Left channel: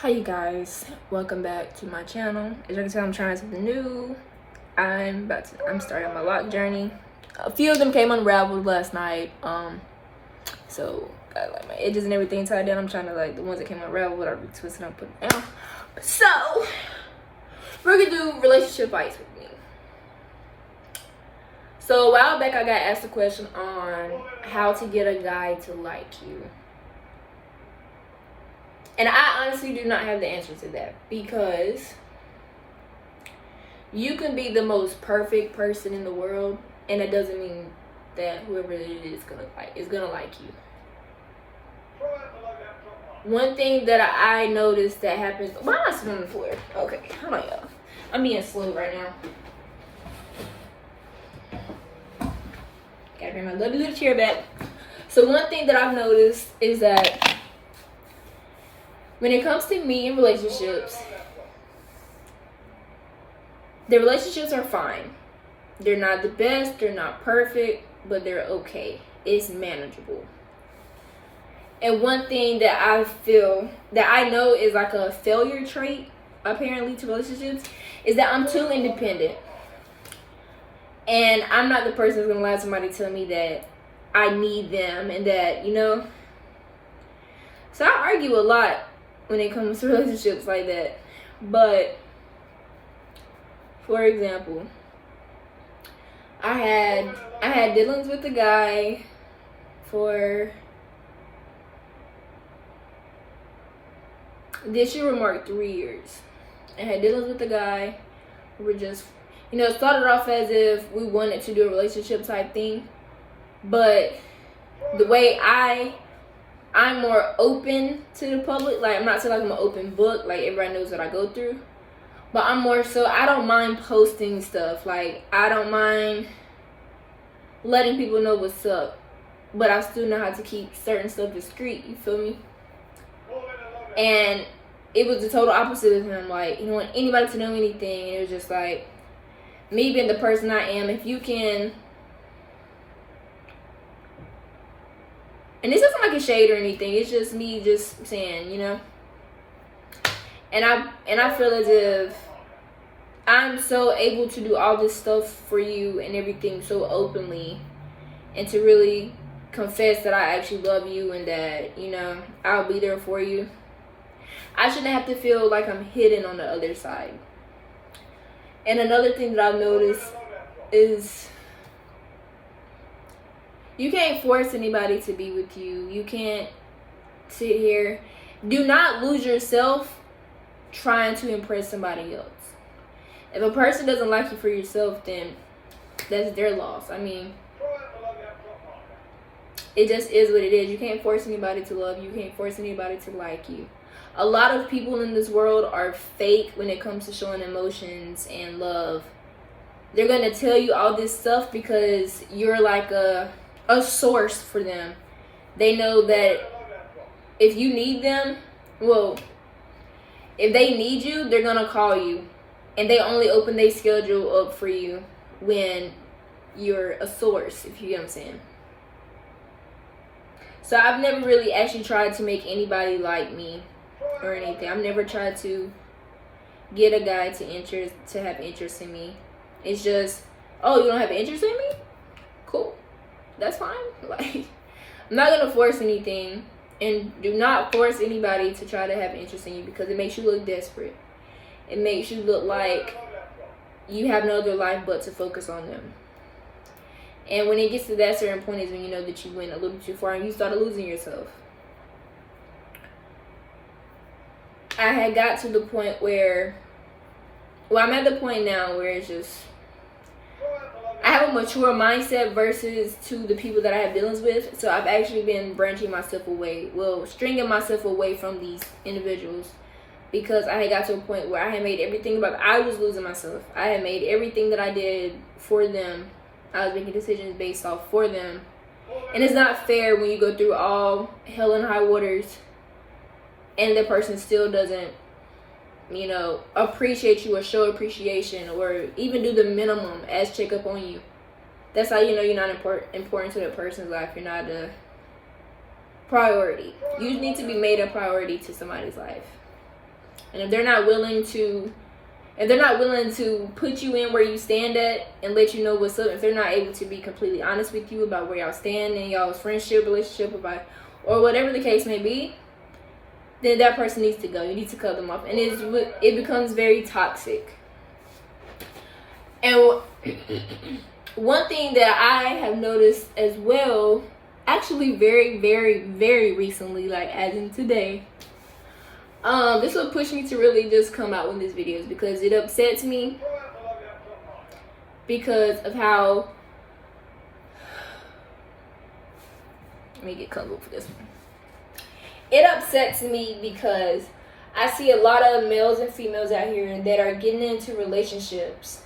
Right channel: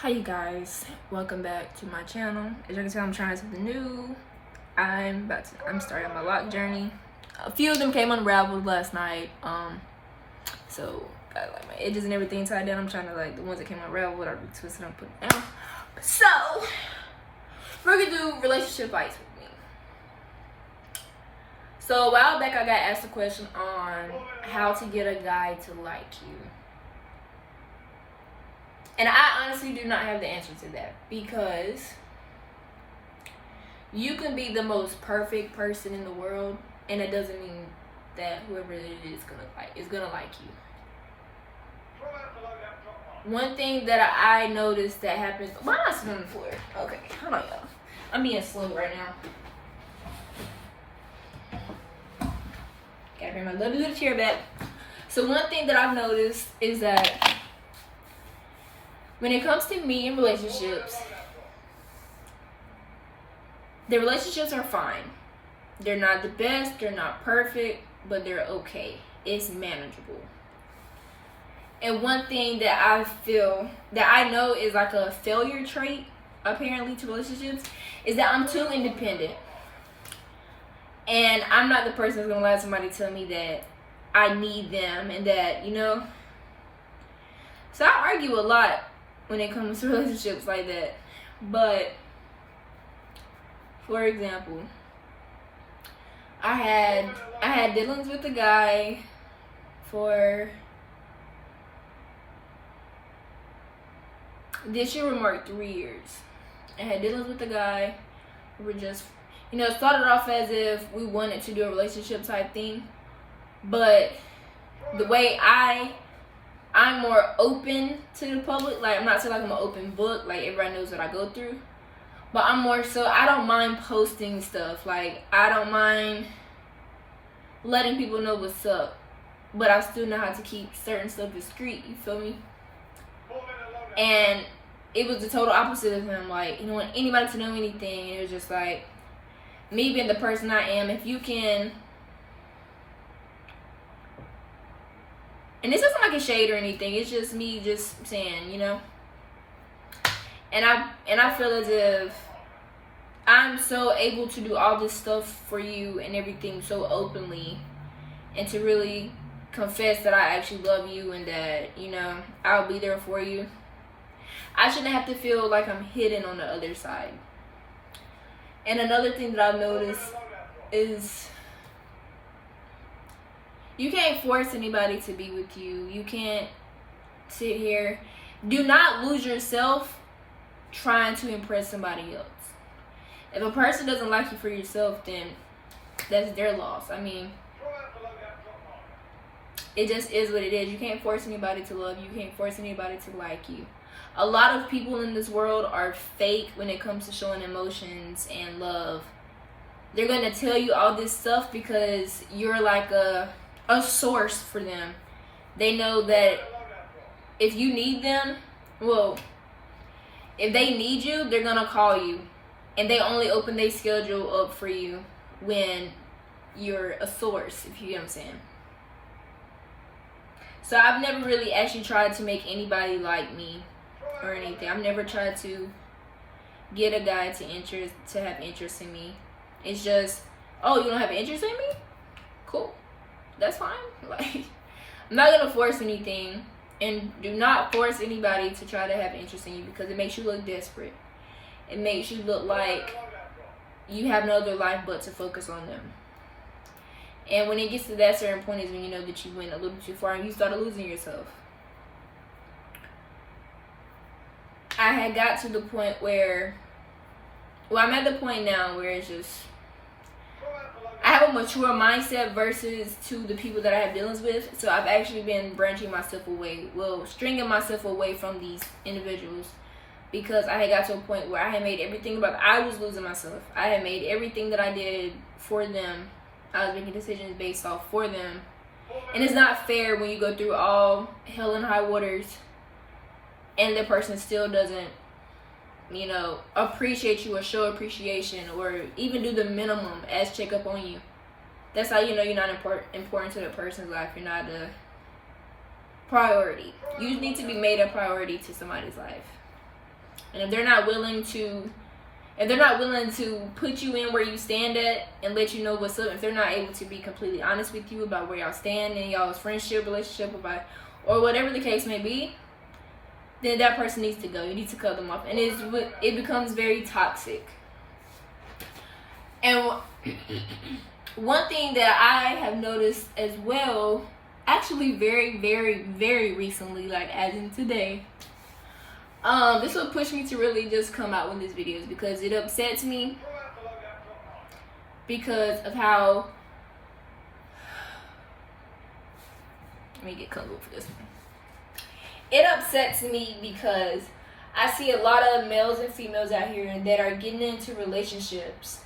Hi you guys, welcome back to my channel. As you can tell, I'm trying something new. I'm starting my lock journey. A few of them came unraveled last night. So got like my edges and everything tied down. I'm trying to like the ones that came unraveled, I'll be twisting up, put it down. So we're gonna do relationship fights with me. So a while back I got asked a question on how to get a guy to like you. And I honestly do not have the answer to that, because you can be the most perfect person in the world, and it doesn't mean that whoever it is gonna like you. One thing that I noticed that happens. Why am I sitting on the floor? Okay, hold on, y'all. I'm being slow right now. Gotta bring my lovely little chair back. So one thing that I've noticed is that when it comes to me and relationships, the relationships are fine. They're not the best, they're not perfect, but they're okay. It's manageable. And one thing that I feel, that I know is like a failure trait, apparently, to relationships, is that I'm too independent. And I'm not the person that's gonna let somebody tell me that I need them and that, So I argue a lot when it comes to relationships like that. But for example, I had dealings with a guy for this year would mark 3 years. I had dealings with a guy. We were just, it started off as if we wanted to do a relationship type thing, but the way I'm more open to the public. Like, I'm not saying like I'm an open book, like everybody knows what I go through. But I'm more so, I don't mind posting stuff. Like, I don't mind letting people know what's up. But I still know how to keep certain stuff discreet, you feel me? And it was the total opposite of him. Like, he didn't want anybody to know anything. It was just like, me being the person I am, if you can... And this isn't like a shade or anything. It's just me just saying, And I feel as if I'm so able to do all this stuff for you and everything so openly, and to really confess that I actually love you and that, I'll be there for you. I shouldn't have to feel like I'm hidden on the other side. And another thing that I've noticed is, you can't force anybody to be with you. You can't sit here. Do not lose yourself trying to impress somebody else. If a person doesn't like you for yourself, then that's their loss. I mean, it just is what it is. You can't force anybody to love you. You can't force anybody to like you. A lot of people in this world are fake when it comes to showing emotions and love. They're going to tell you all this stuff because you're like a source for them. They know that if you need them, if they need you, they're gonna call you, and they only open their schedule up for you when you're a source, if you get what I'm saying. So I've never really actually tried to make anybody like me or anything. I've never tried to get a guy to have interest in me. It's just, oh, you don't have interest in me? Cool. That's fine. Like, I'm not gonna force anything, and do not force anybody to try to have interest in you, because it makes you look desperate. It makes you look like you have no other life but to focus on them. And when it gets to that certain point is when you know that you went a little too far and you started losing yourself. I had got to the point where, I'm at the point now where it's just, I have a mature mindset versus to the people that I have dealings with. So I've actually been branching myself away, stringing myself away from these individuals, because I had got to a point where I had made everything I was losing myself. I had made everything that I did for them. I was making decisions based off for them. And it's not fair when you go through all hell and high waters and the person still doesn't, appreciate you or show appreciation or even do the minimum as check up on you. That's how you know you're not important to the person's life. You're not priority. You need to be made a priority to somebody's life. And if they're not willing to put you in where you stand at and let you know what's up, if they're not able to be completely honest with you about where y'all stand in y'all's friendship, relationship, or whatever the case may be, then that person needs to go. You need to cut them off. And it becomes very toxic. And one thing that I have noticed as well, actually very, very, very recently, like as in today, this will push me to really just come out with these videos because it upsets me because of how, let me get comfortable for this one. It upsets me because I see a lot of males and females out here that are getting into relationships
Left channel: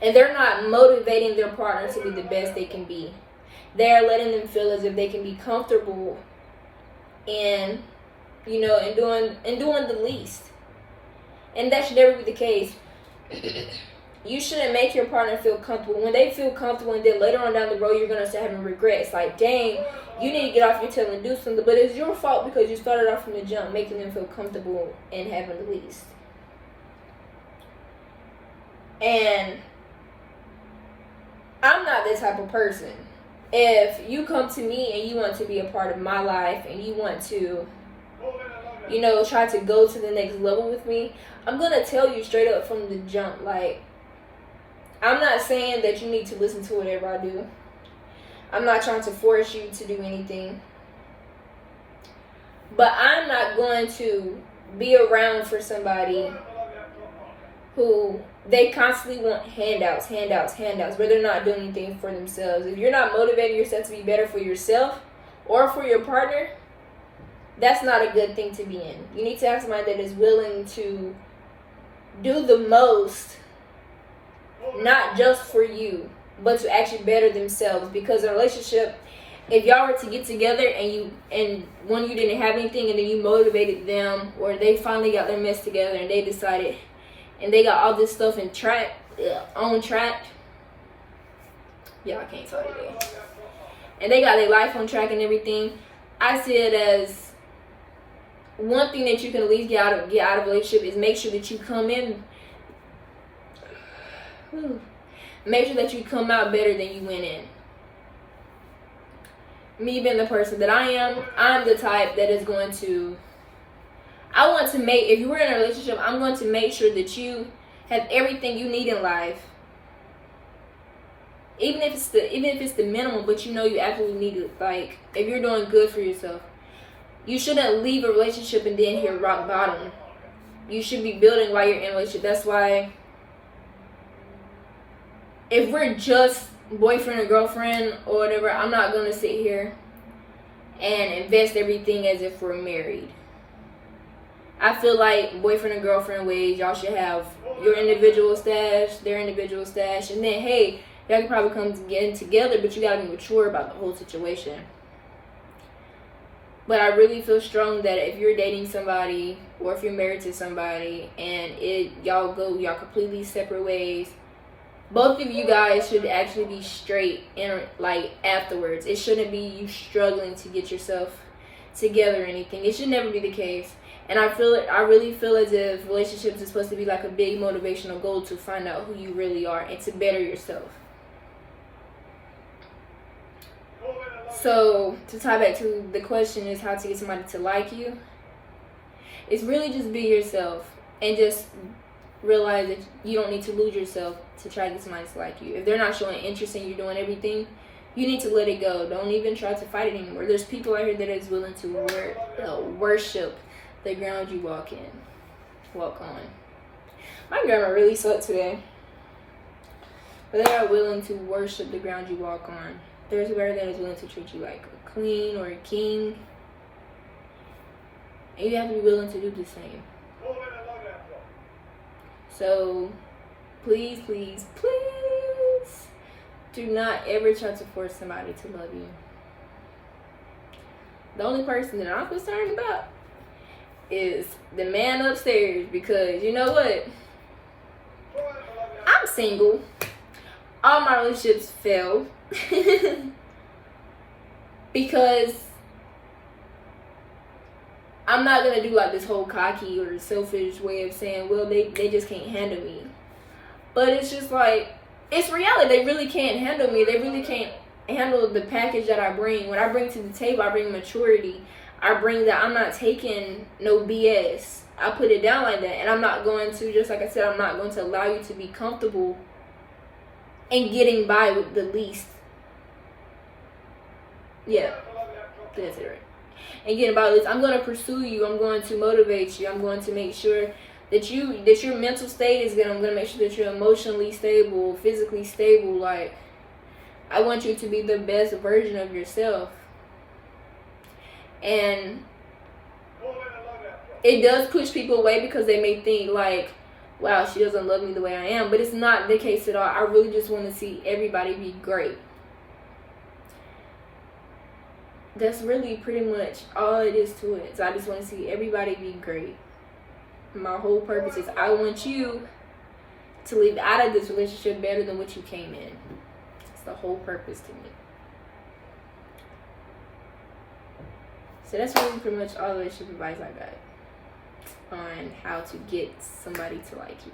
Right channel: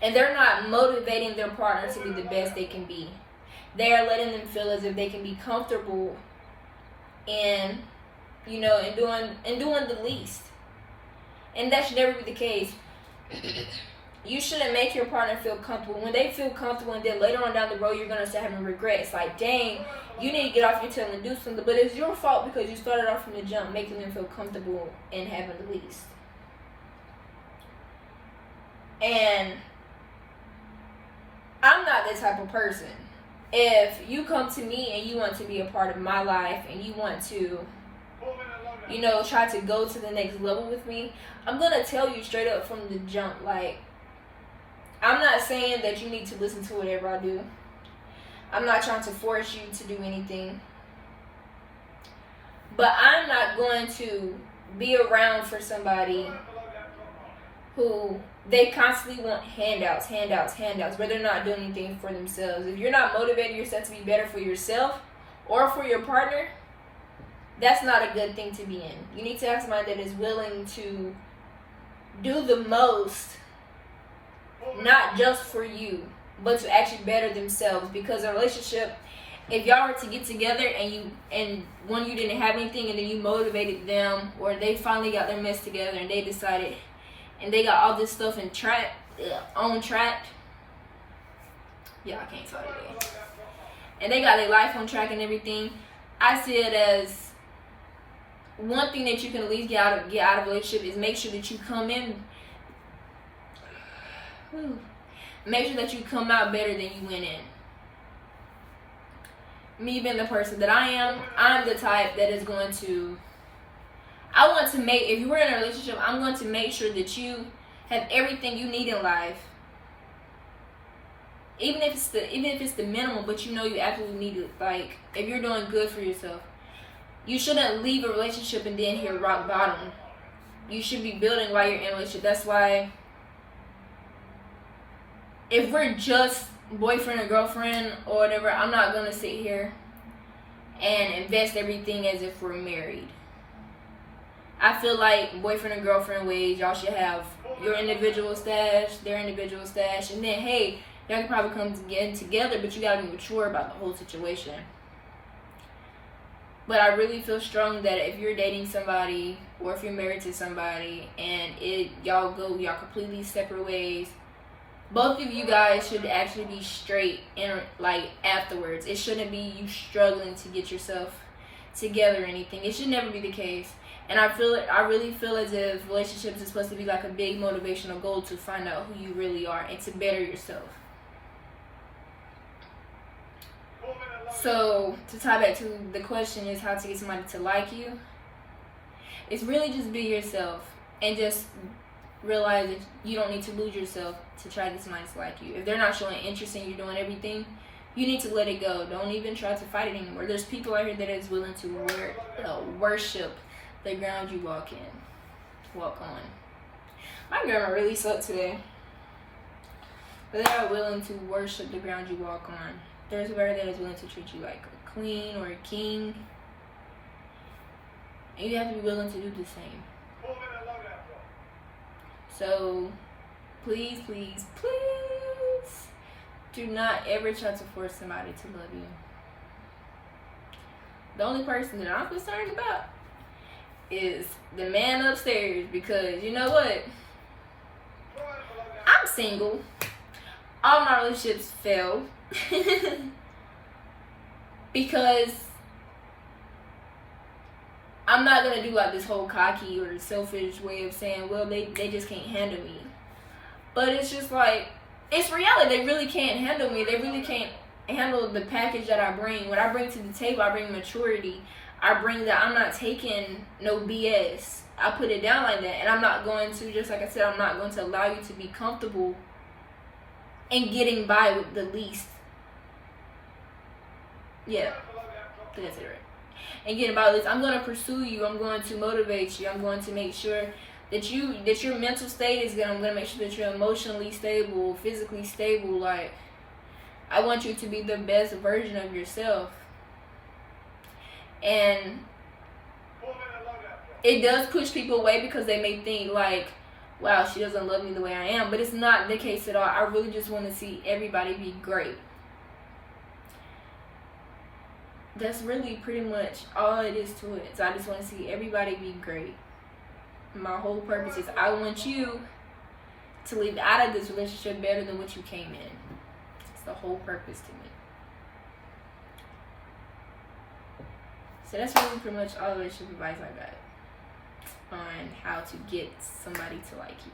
and they're not motivating their partner to be the best they can be. They're letting them feel as if they can be comfortable and, you know, and doing the least. And that should never be the case. You shouldn't make your partner feel comfortable. When they feel comfortable and then later on down the road you're going to start having regrets. Like, dang, you need to get off your tail and do something. But it's your fault because you started off from the jump making them feel comfortable and having the least. And I'm not that type of person. If you come to me and you want to be a part of my life and you want to, you know, try to go to the next level with me, I'm going to tell you straight up from the jump. Like, I'm not saying that you need to listen to whatever I do. I'm not trying to force you to do anything. But I'm not going to be around for somebody who they constantly want handouts, but they're not doing anything for themselves. If you're not motivating yourself to be better for yourself or for your partner, that's not a good thing to be in. You need to have somebody that is willing to do the most, not just for you, but to actually better themselves. Because a relationship, if y'all were to get together and one of you didn't have anything and then you motivated them, or they finally got their mess together and they decided and they got all this stuff on track. Yeah, I can't talk today. And they got their life on track and everything. I see it as one thing that you can at least get out of a relationship is make sure that you come in. Make sure that you come out better than you went in. Me being the person that I am, I'm the type that is going to, I want to make, if you were in a relationship, I'm going to make sure that you have everything you need in life. Even if it's the minimum, but you know you absolutely need it. Like, if you're doing good for yourself, you shouldn't leave a relationship and then hit rock bottom. You should be building while you're in a relationship. That's why, if we're just boyfriend or girlfriend or whatever, I'm not gonna sit here and invest everything as if we're married. I feel like boyfriend and girlfriend ways, y'all should have your individual stash, their individual stash, and then hey, y'all can probably come together, but you gotta be mature about the whole situation. But I really feel strong that if you're dating somebody or if you're married to somebody and y'all completely separate ways, both of you guys should actually be straight and like afterwards. It shouldn't be you struggling to get yourself together or anything. It should never be the case. And I really feel as if relationships is supposed to be like a big motivational goal to find out who you really are and to better yourself. So to tie back to the question is how to get somebody to like you. It's really just be yourself and just realize that you don't need to lose yourself to try to get somebody to like you. If they're not showing interest in you doing everything, you need to let it go. Don't even try to fight it anymore. There's people out here that is willing to worship the ground you walk on. My grammar really sucked today. But they are willing to worship the ground you walk on. There's a word that is willing to treat you like a queen or a king. And you have to be willing to do the same. So, please, please, please do not ever try to force somebody to love you. The only person that I'm concerned about is the man upstairs, because you know what? I'm single. All my relationships failed because I'm not gonna do like this whole cocky or selfish way of saying, well, they just can't handle me. But it's just like, it's reality. They really can't handle me. They really can't handle the package that I bring. When I bring to the table, I bring maturity. I bring that I'm not taking no BS. I put it down like that. And I'm not going to, just like I said, I'm not going to allow you to be comfortable and getting by with the least. Yeah, that's it, right? And getting by with this, I'm going to pursue you. I'm going to motivate you. I'm going to make sure that your mental state is good. I'm going to make sure that you're emotionally stable, physically stable. Like, I want you to be the best version of yourself. And it does push people away because they may think like, wow, she doesn't love me the way I am. But it's not the case at all. I really just want to see everybody be great. That's really pretty much all it is to it. So I just want to see everybody be great. My whole purpose is I want you to leave out of this relationship better than what you came in. It's the whole purpose to me. So that's really pretty much all the relationship advice I got on how to get somebody to like you.